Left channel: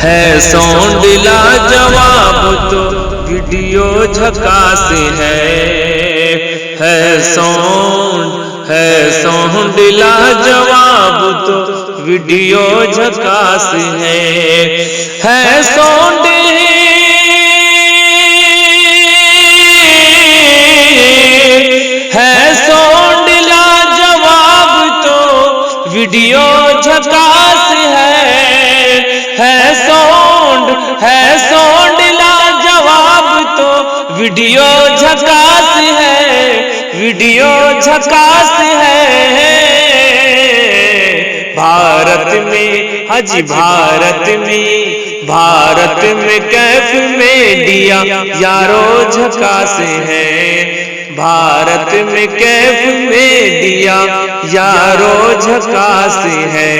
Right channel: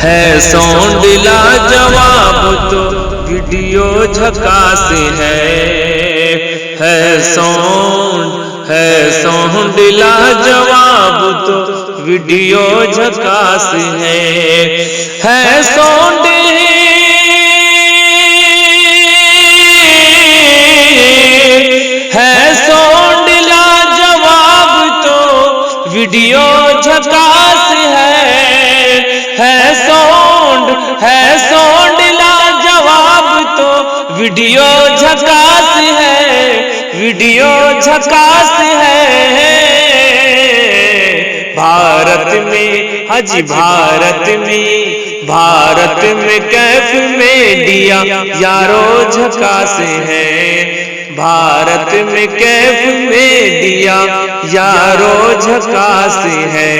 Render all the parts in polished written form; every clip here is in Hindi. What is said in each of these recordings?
है साउंड लाजवाब तो वीडियो झकास है साउंड लाजवाब तो वीडियो झकास है साउंड लाजवाब तो वीडियो झकास है साउंड लाजवाब तो वीडियो झकास है भारत में हाजी भारत में कैफ में दिया यारो झकास है भारत में कैफ में दिया यारो झकास है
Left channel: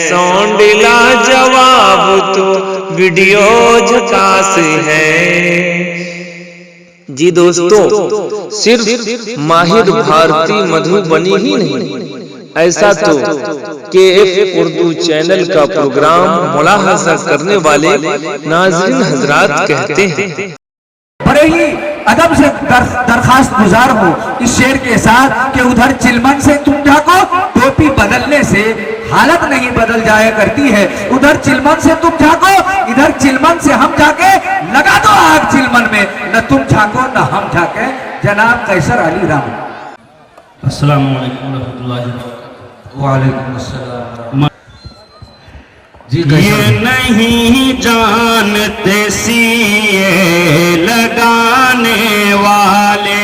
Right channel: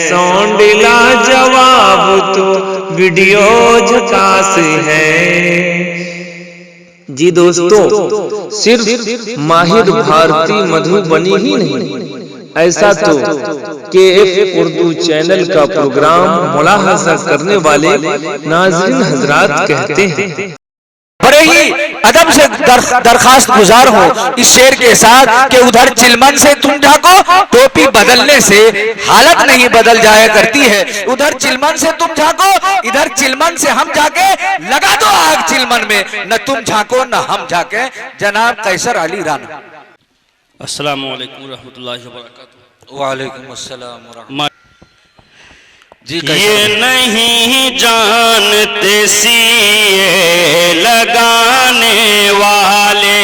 साउंड लाजवाब तो वीडियो झकास है। जी दोस्तों, सिर्फ माहिर भारती मधुबनी ही नहीं, ऐसा तो KF उर्दू चैनल का प्रोग्राम मुलाहजा करने वाले नाज़रीन हजरात कहते हैं। बड़े ही अदब से दरखास्त गुजार हो इस शेर के साथ कि उधर चिलमन से तुम जाको, टोपी बदलने से हालत नहीं बदल जाया करती है। उधर चिलमन से तुम जाको, इधर चिलमन से हम जाके लगा दो आग चिलमन में, न तुम झाको न हम झाके। जनाब कैसर अली राम। अस्सलाम वालेकुम रहमतुल्लाहि व बरकातहू। वालेकुम अस्सलाम। ये नहीं जानते सीए लगाने वाले।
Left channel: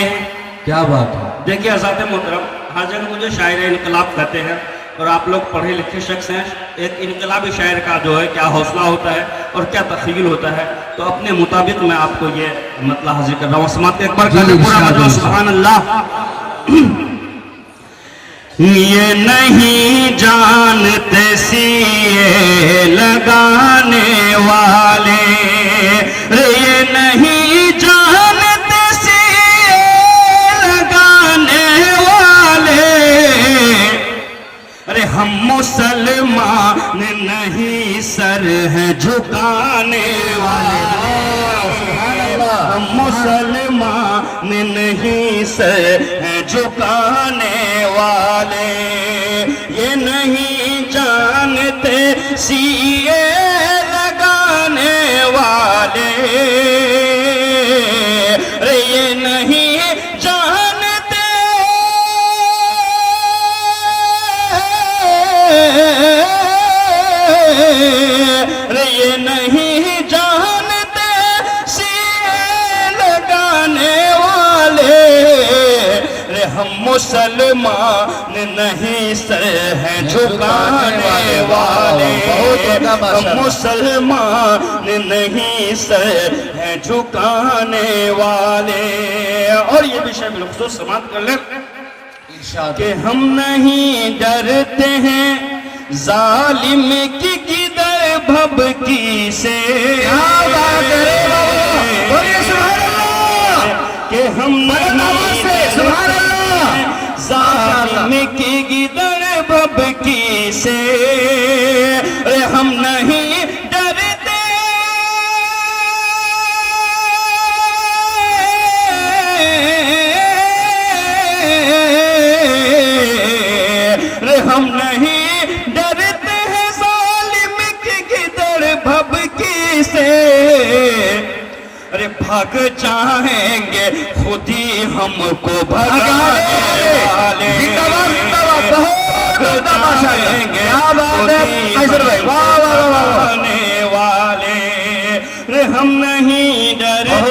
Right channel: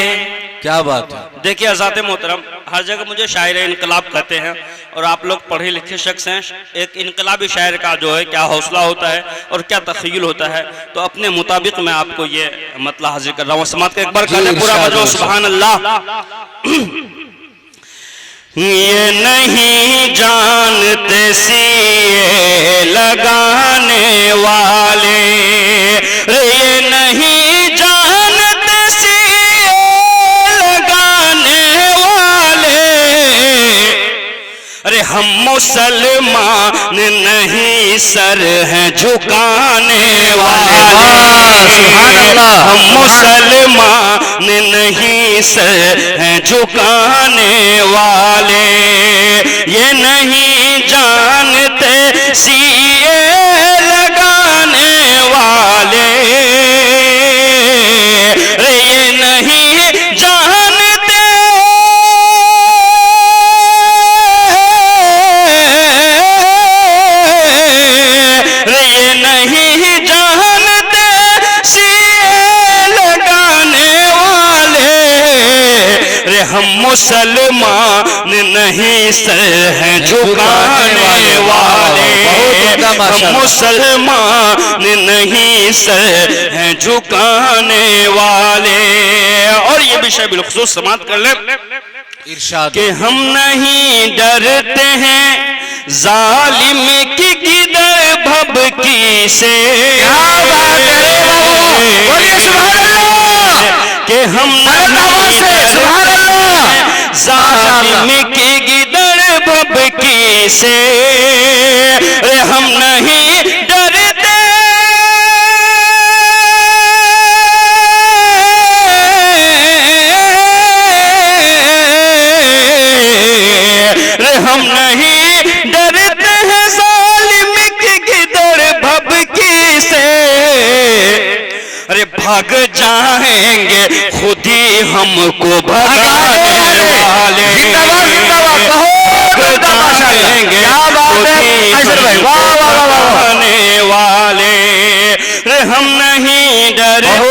क्या बात है। देखिए आज़ाद मोहतरम, हर जगह मुझे शायर इनकलाब कहते हैं और आप लोग पढ़े लिखे शख्स हैं। एक इनकलाबी शायर का जो है क्या हौसला होता है और क्या तख़य्युल होता है, तो अपने मुताबिक मैं आपको ये मतलब हाजिर कर रहा हूँ। समात एक बार पूरा सुभान अल्लाह। ये नहीं जानते सीए लगाने वाले, ये नहीं जानते सीए लगाने वाले, अरे हम मुसलमान नहीं सर हैं झुकाने वाले, हम मुसलमान नहीं सर हैं झुकाने वाले, ये नहीं जानते सीए लगाने वाले, ये नहीं जानते, ये नहीं जानते सीए लगाने वाले, रे हम मुसलमान नहीं सर हैं झुकाने वाले, हम मुसलमान नहीं सर हैं झुकाने वाले। और ये विषय बिलखुसूस समाप्त कर लें कि हम नहीं डरते हैं जालिम की किधर भभकी से, कि हम जालिम की गिदड़ भभकी से, हम नहीं डरते, हम नहीं डरते हैं जालिम की गिदड़ भभकी से, अरे भाग जाएंगे खुद ही हमको भगाने वाले, भगाने वाले, हम नहीं डरते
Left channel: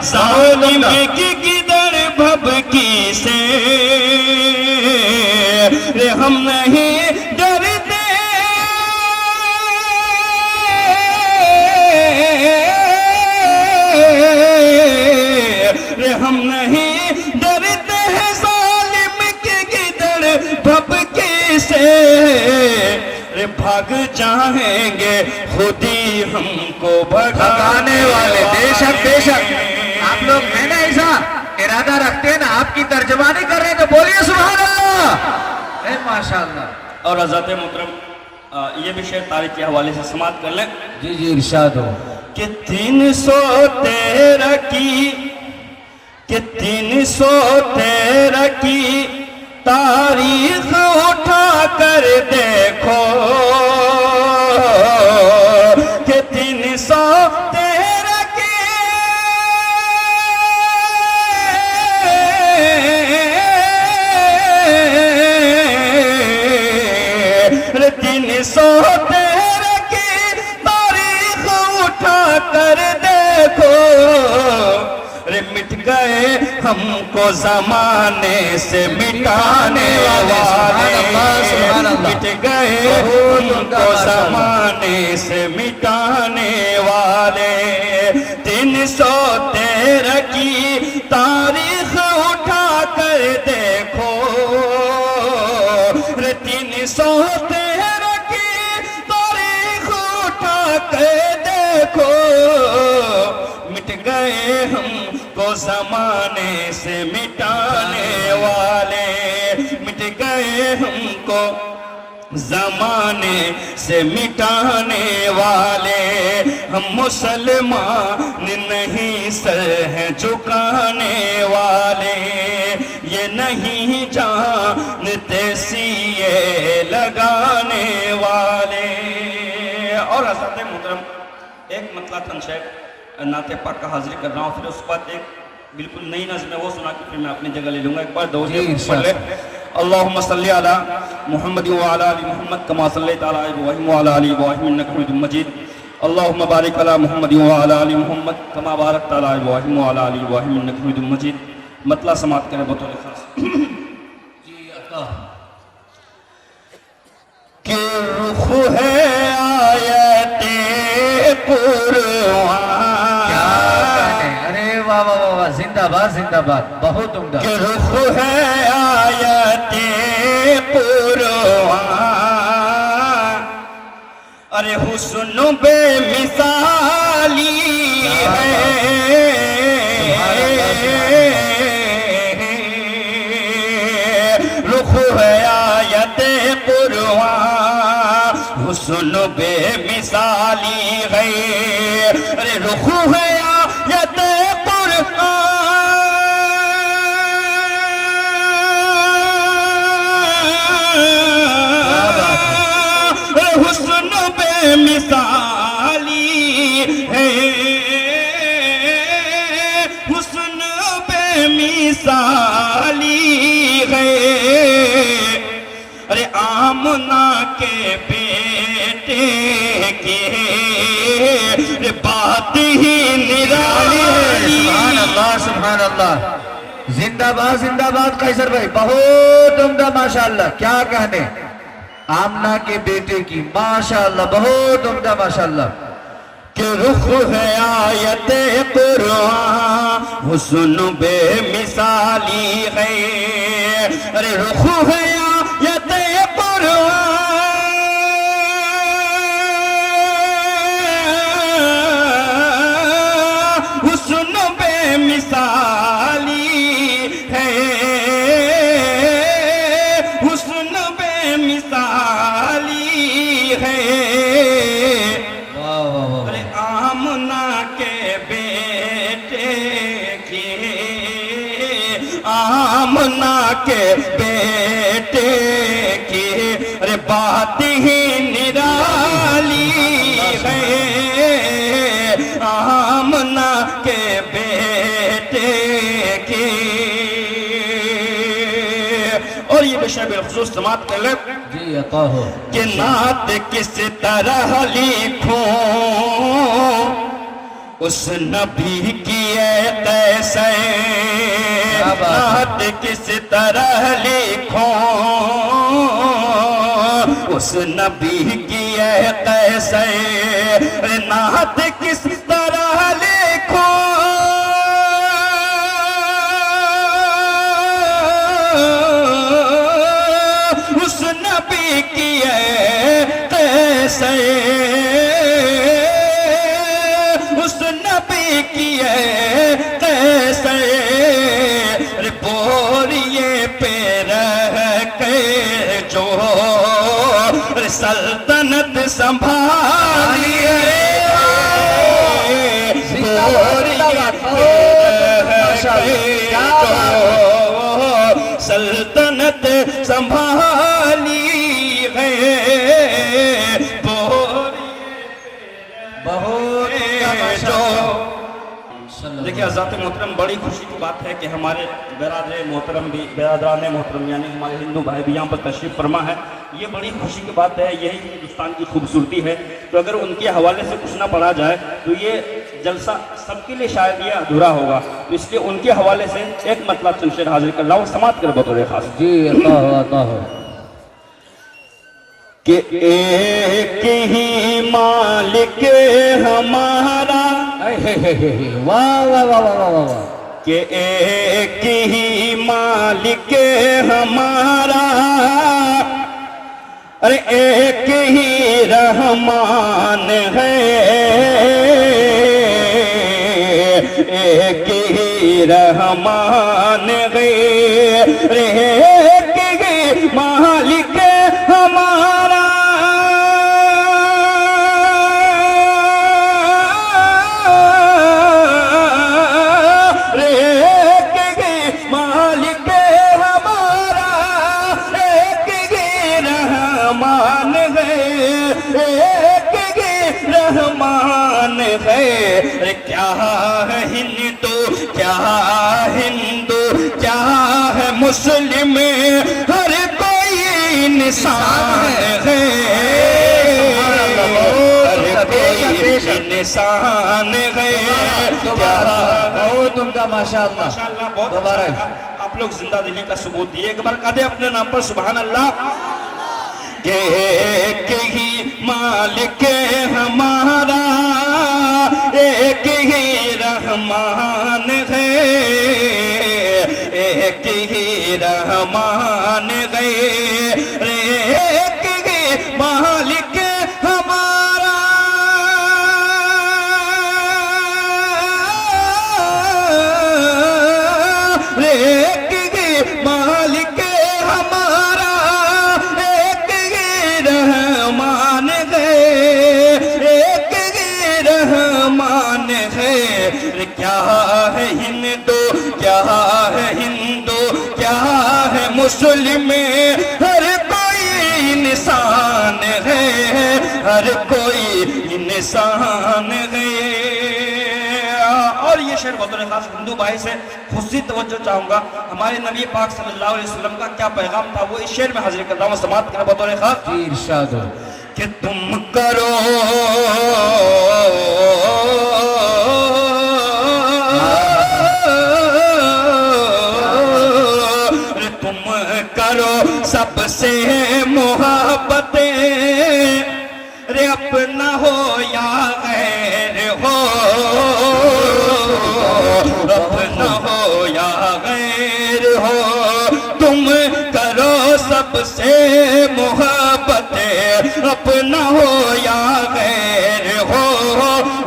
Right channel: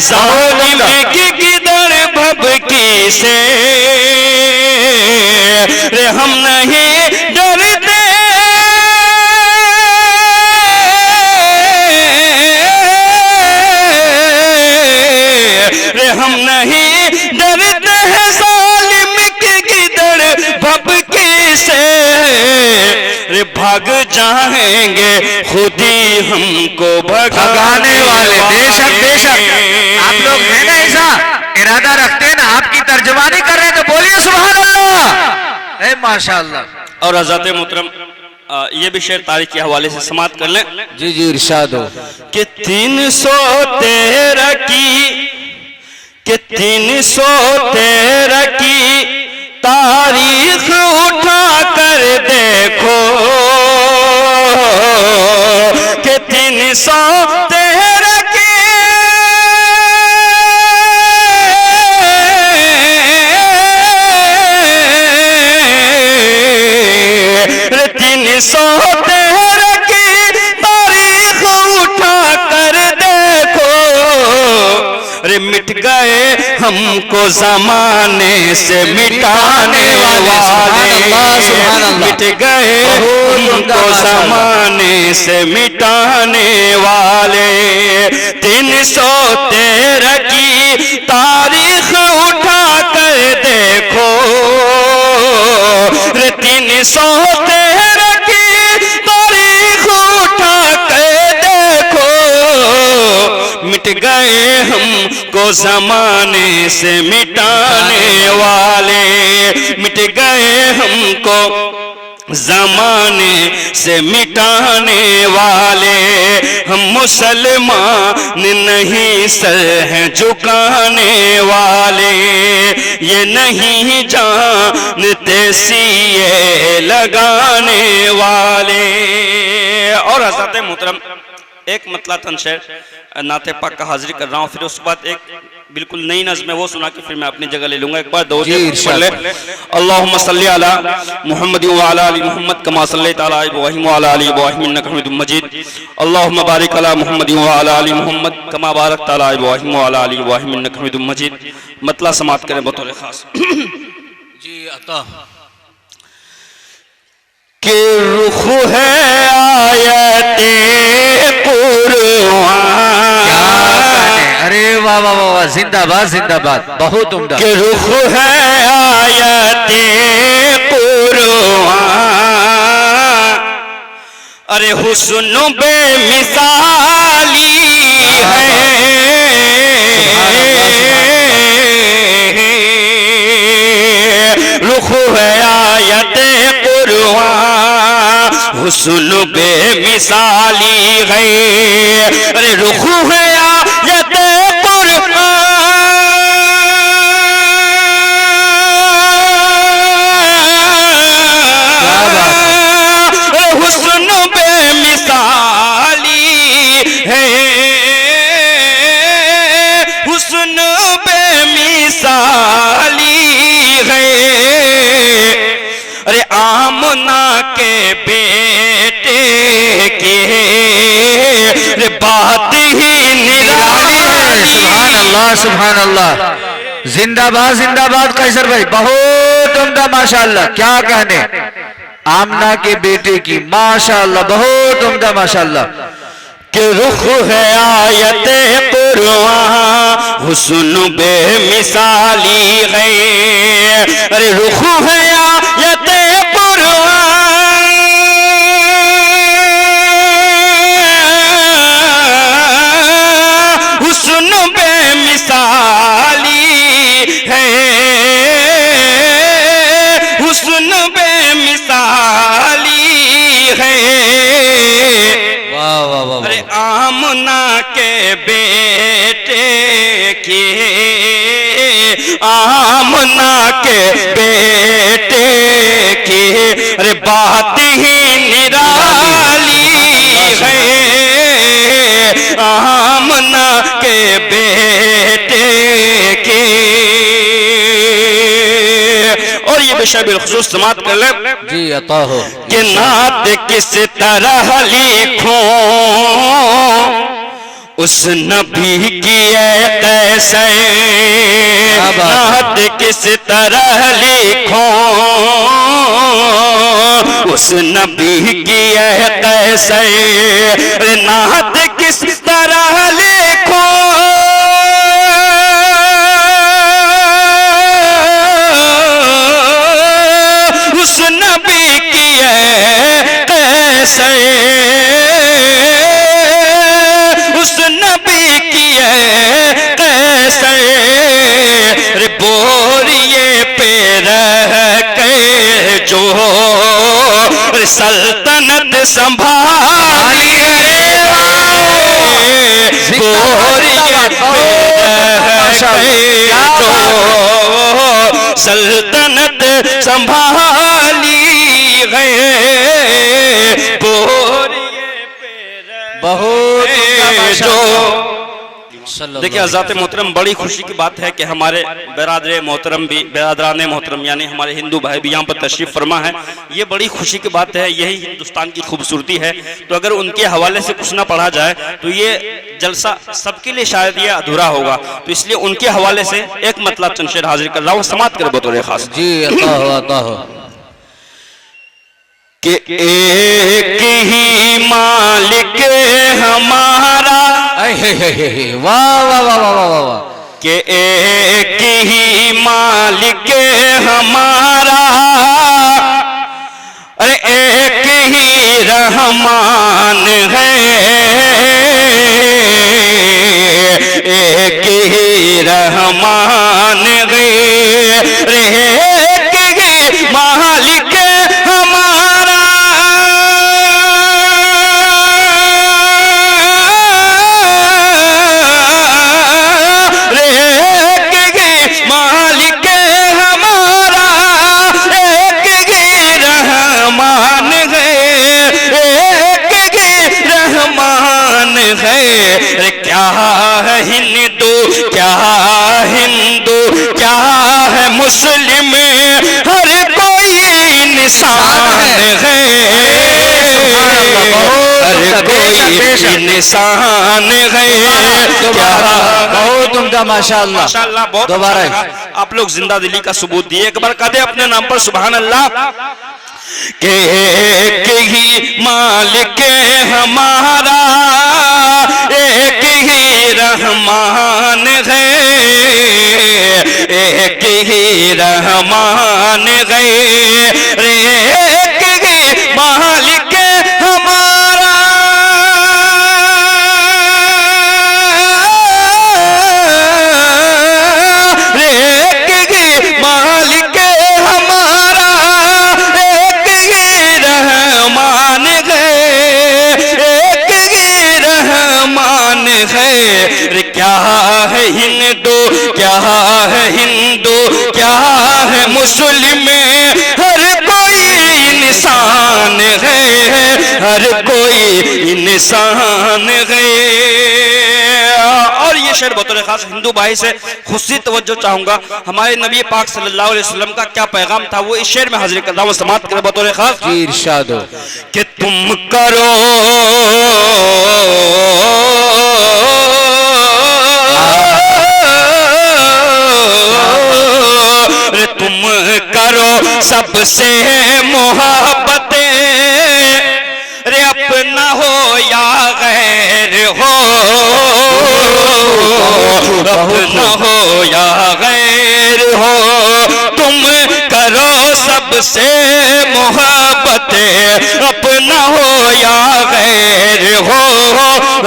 जालिम की गिदड़ भभकी से, हम नहीं डरते, हम नहीं डरते हैं जालिम की गिदड़ भभकी से, रे भाग जाएंगे खुद ही हमको भगाने वाले। बेशक बेशक आप लोग है ना ऐसा इरादा रखते हैं ना, आपकी तर्जमानी कर रहे हैं तो बोलिए सुभान अल्लाह, माशाअल्लाह। और आज़ाद मोहतरम, ये भी शेर तारीख के हवाले से समाप्त कर लें। जी जी इरशाद हो। कि 313 की तारीख उठा कर देखो कि 313 की 313 की तारीख उठा कर देखो। अरे मिट गए हमको जमाने से मिटाने वाले, मिट गए हमको जमाने से मिटाने वाले। 313 की तारीख उठा कर देखो, 313 की तारीख उठा कर देखो। मिट गए हमको जमाने से मिटाने वाले, मिट गए हमको जमाने से मिटाने वाले। हम मुसलमान नहीं सर हैं झुकाने वाले, ये नहीं जानते सीए लगाने वाले। और हज़रत मोहतरम एक मतला तन शेर नाते पाक का हाजिरी कर रहा हूँ, फिर उसके बाद एक बिल्कुल नई नज़्म है वो सुना के फिर मैं अपनी जगह ले लूंगा। एक बार दो पढ़ ले। अल्लाहुम्मा सल्ली अला मुहम्मद व अला आलि मुहम्मद कमा सल्लैता अला इब्राहीम व अला आलि इब्राहीम इन्नका हमीदुम मजीद। अल्लाहुम्मा बारिक अला मुहम्मद व अला आलि मुहम्मद कमा बारकता अला इब्राहीम व अला आलि इब्राहीम इन्नका हमीदुम मजीद। मतला समाप्त करें बतौर खास। जी अता के रुख है आयते कुरान। अरे वाह वाह वाह, जिंदाबाद जिंदाबाद, बहुत उम्दा। कि रुख है आयते कुरान, अरे हुस्न बेमिसाली है। रुख है आयते कुरान, हुस्न बेमिसाली है। अरे रुख है आयते सुभान अल्लाह, जिंदाबाद जिंदाबाद कैसर भाई, बहुत उम्दा माशाअल्लाह। क्या कहने आमना के बेटे की, माशाअल्लाह बहुत उम्दा माशाअल्लाह। कि रुख है आयते कुरान, हुस्न बेमिसाली है। अरे रुख है आयते कुरान, हुस्न बेमिसाली है, हुस्न बेमिसाली है। अरे आमना के बेटे की, आमना के बेटे की, अरे बात ही निराली है। आमना के बेटे की। और ये विषय बिलखुसूस समाप्त कर ले। जी अता हो। कि नात किस तरह लिखूं उस नबी की कैसे, नात किस तरह लिखूं उस नबी की कैसे। नात किस तरह लिखूं उस नबी की कैसे, उस नबी की कैसे। रे बोरिए पे रह के जो सल्तन संभालिए सल्तनत संभाली गए बहुत जो। देखिए हज़रत मोहतरम, बड़ी खुशी की बात है कि हमारे बिरादरान मोहतरम यानी हमारे हिंदू भाई भी यहाँ पर तशरीफ़ फरमा है। ये बड़ी खुशी की बात है, यही हिंदुस्तान की खूबसूरती है। तो अगर उनके हवाले से कुछ ना पढ़ा जाए तो ये जलसा सबके लिए शायद ये अधूरा होगा। तो इसलिए उनके हवाले से एक मतलब चंद शेर हाजिर कर रहा हूँ, समाप्त कर बतौर खास। जी अल्लाह कि एक ही मालिक हमारा, वाह वाह वाह वाह वाह, कि एक ही मालिक हमारा, अरे एक ही रहमान है, एक ही रहमान है, एक ही मालिक हमारा, एक ही मालिक हमारा, एक ही रहमान है, एक ही रहमान है। क्या है हिंदू, क्या हिंदू, क्या है मुस्लिम, हर कोई इंसान है, हर कोई इंसान है। क्या बहुत उम्दा, माशाअल्लाह माशाअल्लाह, बहुत दोबारा अच्छा लगा। आप लोग जिंदा दिली का सबूत दिए। एक बार कहते अपने नाम पर सुभान अल्लाह। के एक ही मालिक हमारा, एक ही रहमान है, एक ही रहमान है, एक ही मालिक हमारा, एक ही मालिक हमारा, एक ही रहमान है, एक ही रहमान है। क्या है हिंदू, क्या है हिंदू, क्या है मुस्लिम, हर कोई इंसान है, हर कोई इंसान है। और ये शेर बतौर खास हिंदू भाई से खुशी तवज्जो चाहूंगा। हमारे नबी पाक सल्लल्लाहु अलैहि वसल्लम का क्या पैगाम था, वो इस शेर में हाजिर कर रहा हूँ, समाप्त कर बतौर खास। जी इरशाद हो। कि तुम करो तुम करो सबसे मोहब्बतें, रे अपना हो या गैर हो, अपना हो या गैर हो, तुम करो सबसे मोहब्बतें, अपना हो या गैर हो,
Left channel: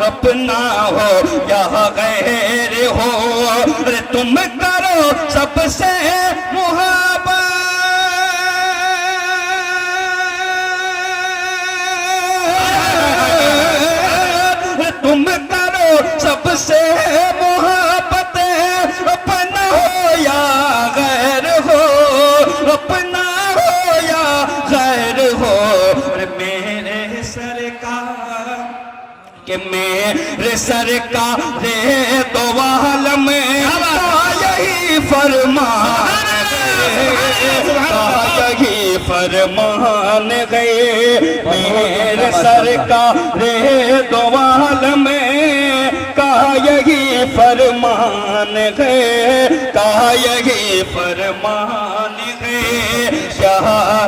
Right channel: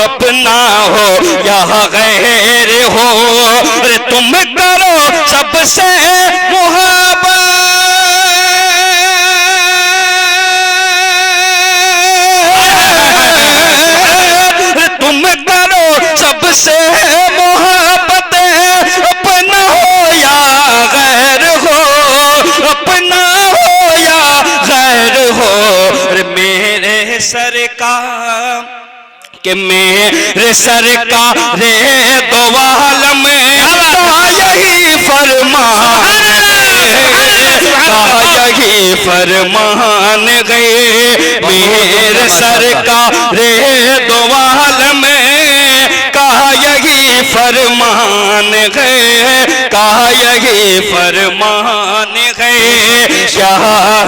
अपना हो या गैर हो, रे तुम करो सबसे सबसे मोहब्बत, अपना हो या गैर हो, अपना हो या गैर हो, मेरे सरकार के मेरे सरकार रे दो आलम का यही फरमान, का यही फरमान गए, मेरे सरकार रे दो आलम यही फरमान है, का यही फरमान है। क्या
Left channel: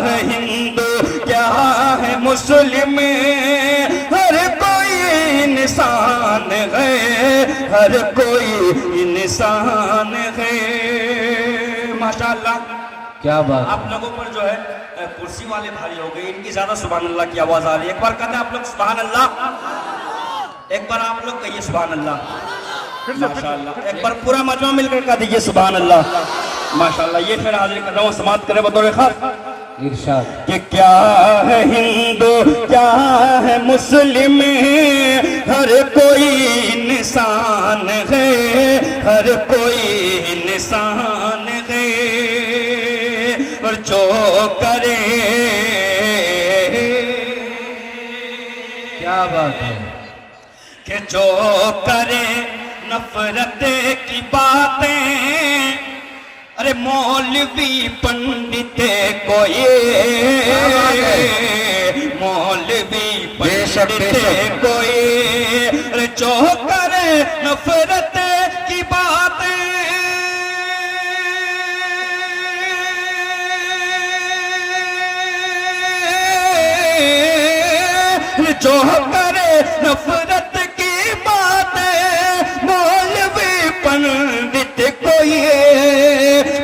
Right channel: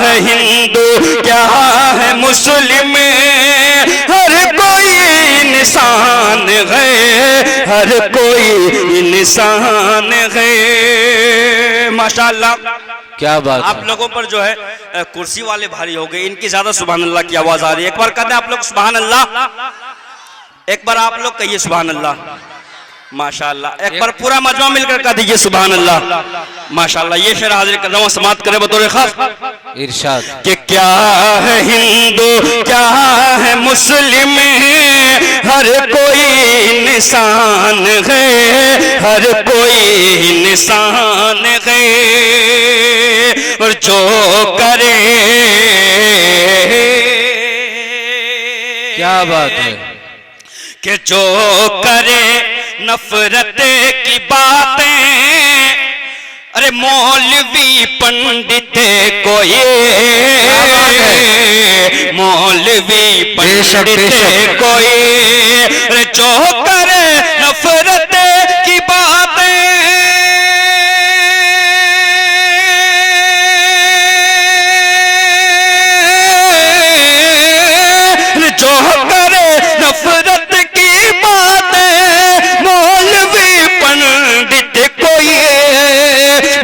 है हिंदू, क्या है मुस्लिम, हर कोई इंसान है, हर कोई इंसान है। माशाअल्लाह, क्या बात। आप लोगों पर जो है कुर्सी वाले भारी हो गए, इनकी ज्यादा सुभान अल्लाह की आवाज आ रही है। एक बार कहते हैं आप लोग सुभान अल्लाह, एक बार आप लोग कहिए सुभान अल्लाह। माशाअल्लाह, एक बार पूरा मजमा मिलकर कह दीजिए सुभान अल्लाह। माशाअल्लाह, ये शेर हाजिर कर रहा हूँ, समाप्त करें बतौर खास। इरशाद कि क्या है हिंदू क्या है मुस्लिम, हर कोई इंसान है, हर कोई इंसान है। और जो करे, क्या बात है, कि जो करे नफरत की बातें, अरे मौलवी पंडित कोई, मौलवी पंडित कोई, अरे जो करे नफरत की बातें, जो करे नफरत की बातें, मौलवी पंडित कोई,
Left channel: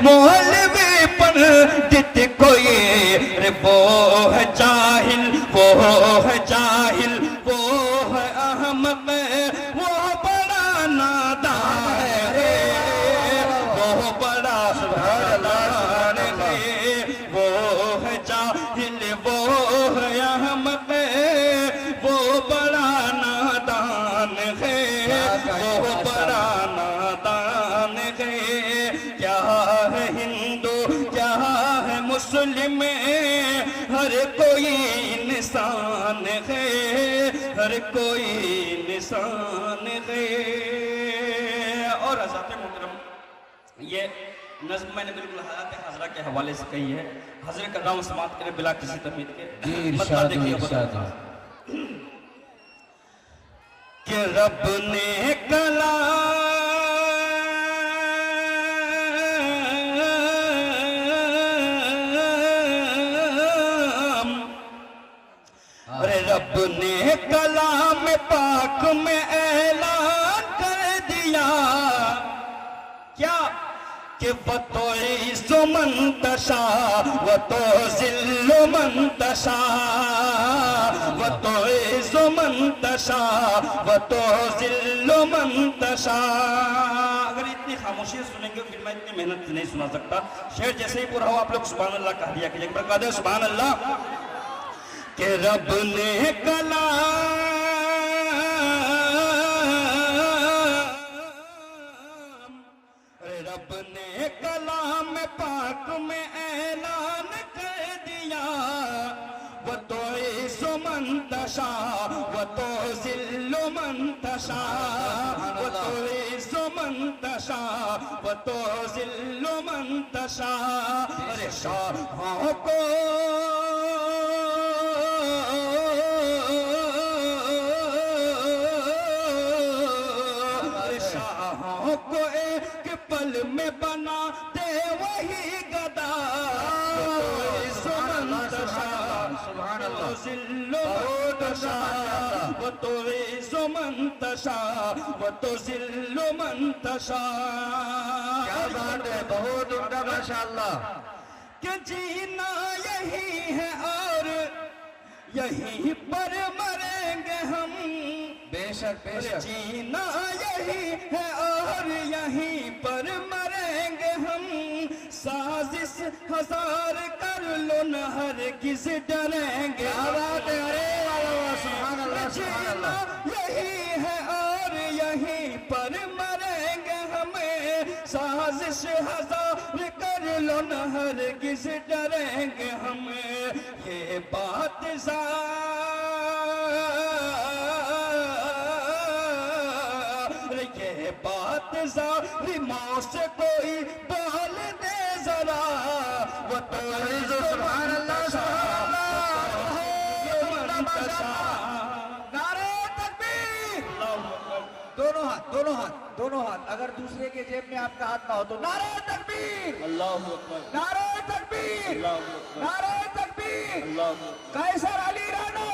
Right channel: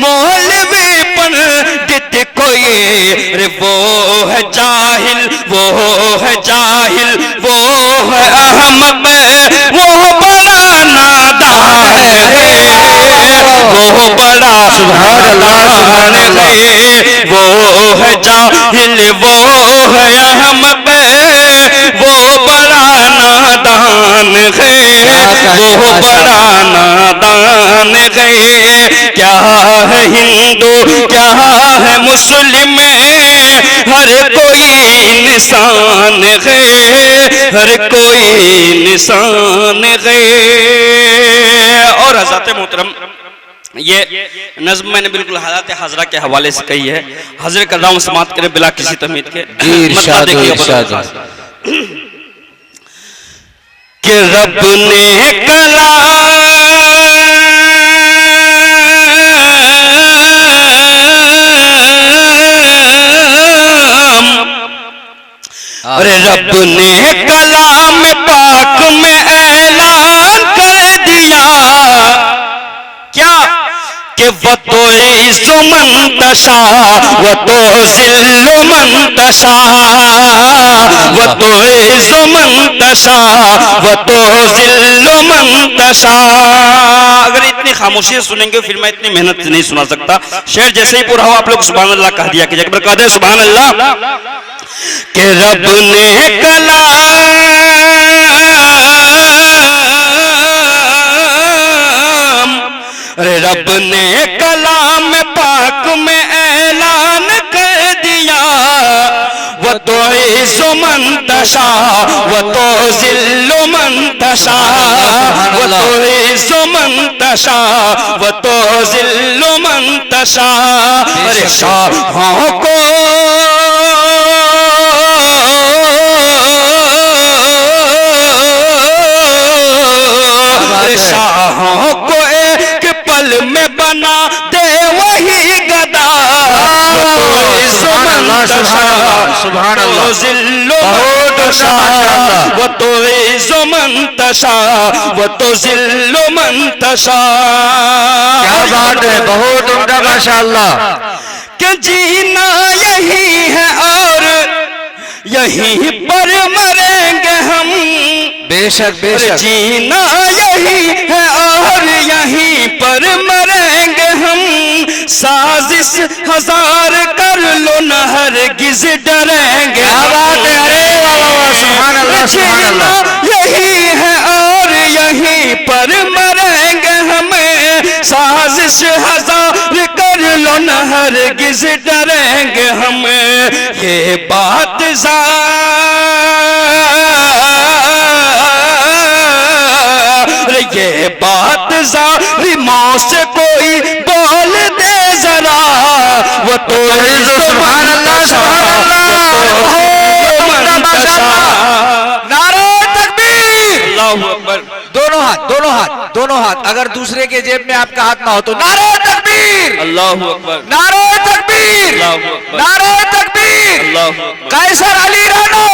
मौलवी पंडित कोई, रे वो है जाहिल, वो है जाहिल, वो है अहमक, वो बड़ा नादान है, वो बड़ा नादान है, वो है जाहिल, वो है अहमक, वो बड़ा नादान है, वो बड़ा नादान है। क्या है हिंदू क्या है मुस्लिम, हर कोई इंसान है, हर कोई इंसान है। और हज़रत मोहतरम ये नज़्म मैंने बिल्कुल हालात हाजरा के हवाले से कही है। हज़रत कलाम समात करें बिला किसी तमीद के। इरशाद कि रब ने कलाम, अरे रब ने कलाम पाक में ऐलान कर दिया, क्या कि वो तो इज़्ज़ु मंतशा वो तो ज़िल्लु मंतशा, वो तो इज़्ज़ु मंतशा वो तो ज़िल्लु मंतशा। अगर इतनी खामोशी सुनेंगे फिर मैं इतनी मेहनत से नहीं सुना सकता। शेर जैसे ही पूरा हो आप लोग सुभान अल्लाह कह दिया कीजिए, एक बार कह दे सुभान अल्लाह। कि रब ने कलाम, अरे रब ने कलाम पाक में ऐलान कर दिया, वो तो इज़्ज़ु मंतशा वो तो ज़िल्लु मंतशा, वो तो इज़्ज़ु मंतशा वो तो ज़िल्लु मंतशा। अरे शाहों को बना दे वही गदा, सुभान अल्लाह ज़िल्लु मंतशा वो तो इज़्ज़ु मंतशा वो तो ज़िल्लु मंतशा। क्या बात है, बहुत उम्दा माशाअल्लाह। कि जीना यही है और यहीं पर मरेंगे हम, बेशक बेशक। जीना यही है और यहीं पर मरेंगे हम, साजिश हजार कर लो न हरगिज़ डरेंगे। क्या बात है, अरे वाह वाह सुभान अल्लाह सुभान अल्लाह। यही है और यहीं पर मरेंगे हमें, साजिश हजार कर लो न हरगिज़ डरेंगे हम। ये बात ये बात ज़ालिमों से कोई बोल दे जरा, वो तो सुभान अल्लाह सुभान अल्लाह। नारे तकबीर, अल्लाहू अकबर। दोनों हाथ दोनों हाथ दोनों हाथ, अगर दूसरे के जेब में आपका हाथ ना हो तो नारे तकबीर, अल्लाहू अकबर, नारे तकबीर, अल्लाहू अकबर, नारे तकबीर। अल्लाहू अकबर। कैसर अली राणा,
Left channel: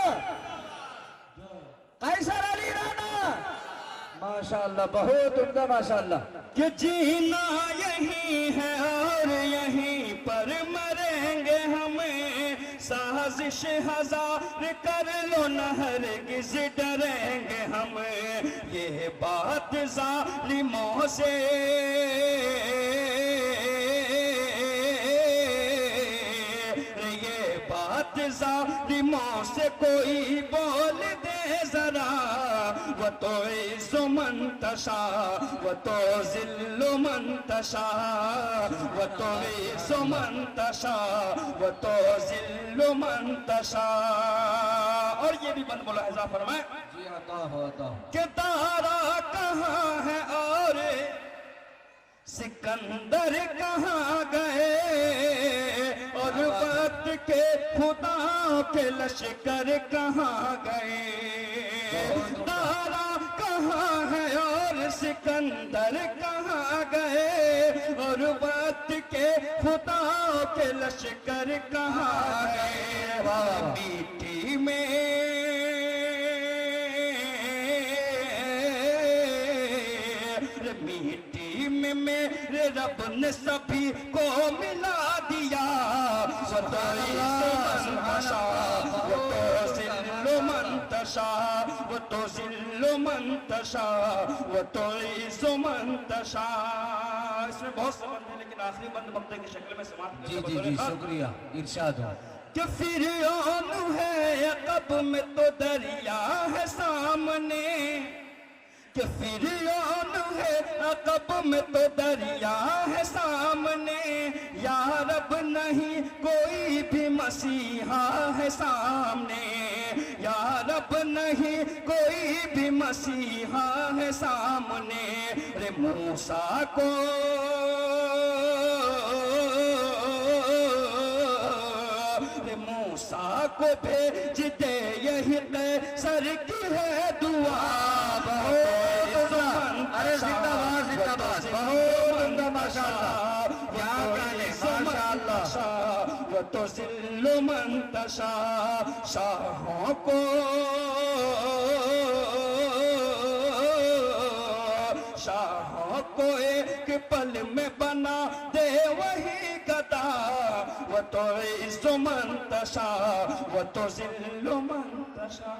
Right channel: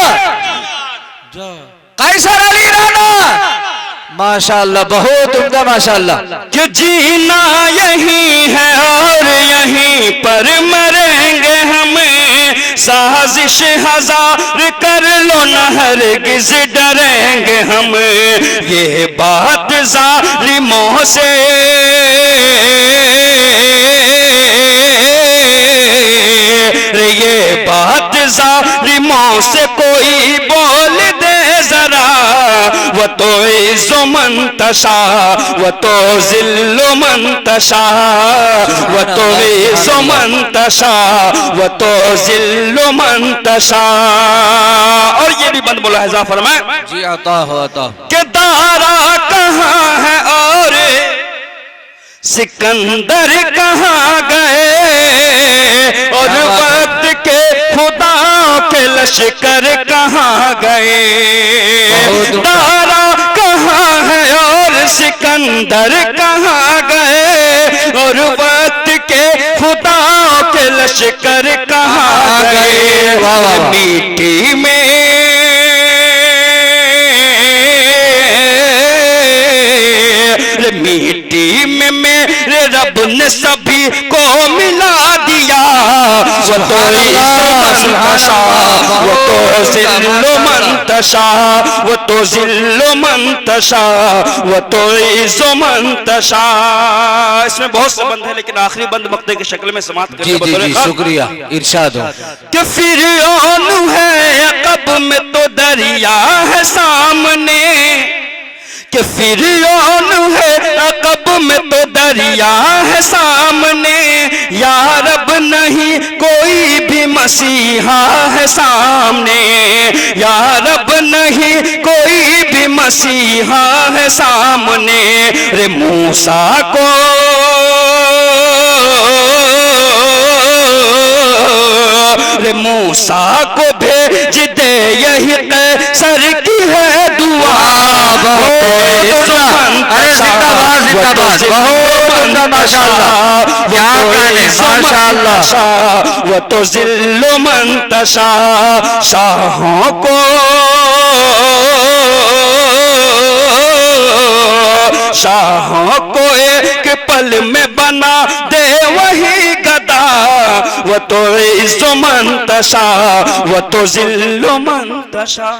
कैसर अली राणा, माशाअल्लाह बहुत उम्दा माशाअल्लाह। कि जीना यही है और यहीं पर मरेंगे हम, साजिश हजार कर लो न हरगिज़ डरेंगे हम। ये बात ज़ालिमों से ये हाथ जालिमों से कोई बोल दे जरा, वो तो इज़्ज़ो मंतशा वो तो ज़िल्लो मंतशा, वो तो इज़्ज़ो मंतशा वो तो ज़िल्लो मंतशा। और ये भी बंद बोला है फरमाए जी आता हो आता कि दारा कहाँ है और सिकंदर कहाँ गए, और वक्त के खुदा के लश्कर कहाँ गए। दारा कहाँ है और सिकंदर कहाँ गए, और वक्त के खुदा के लश्कर कहाँ गए। मिट्टी में मिट्टी में मेरे रब ने सभी को मिला दिया, वो तो मंतशा वो तो ज़िल्लो मंतशा वो तो ज़िल्लो मंतशा वो तो इज़्ज़ो मंतशा। इसमें बहुत से बंद है लेकिन आखिरी बंद मक्ते की शक्ल में समाप्त करके जी शुक्रिया इरशाद हो कि फिरौन है अक़ब में तो दरिया है सामने, कि फिरौन है अक़ब में तो दरिया है सामने, या रब नहीं कोई भी मसीहा है सामने, या रब नहीं कोई भी मसीहा है सामने। रे मूसा को रे मूसा को भेज दे यही कैसर की है दुआ। माशाअल्लाह वो तो ज़िल्लो मंतशा, शाहों को शाहों को एक पल में बना दे वही गदा, वो तो इज़्ज़ो मंतशा वो तो ज़िल्लो मंतशा।